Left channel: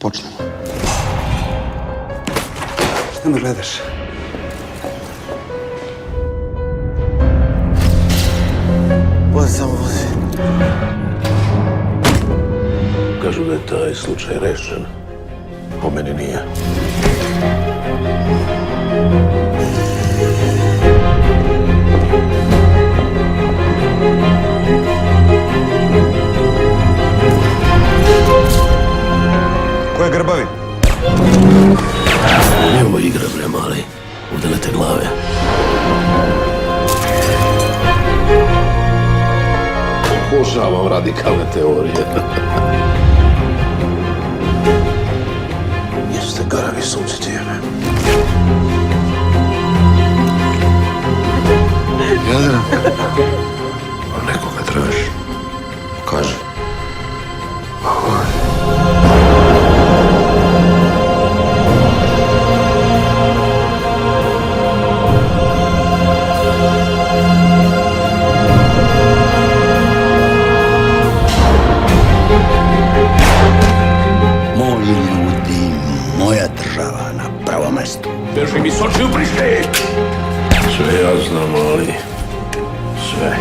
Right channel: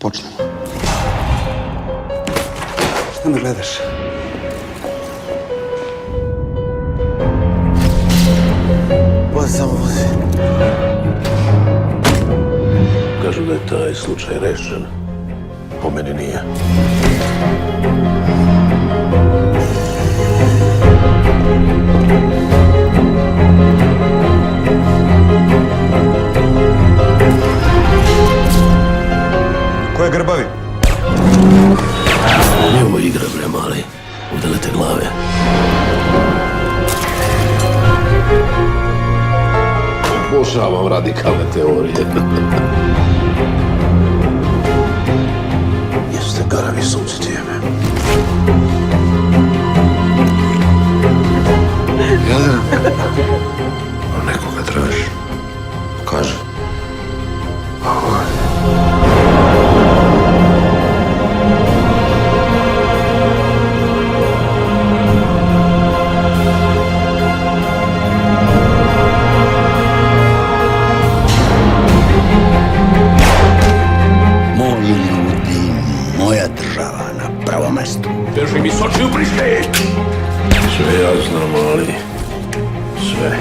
počnemo. Šta me gledaš? Vozi, samo vozi. Kažu da je taj slučaj rešen. Po meni nije. Ko je grbavi? Nije ovo igra, bre, mali. Udelite glave. Obožavam radikalne teorije. Jeste garavi sunce tijeme. Jelena. Nekoga traži. Pokaži. Moji ljudi, moja država na prvom mestu. Drži mi s očiju prišli! Sve ja znam, ali... sve.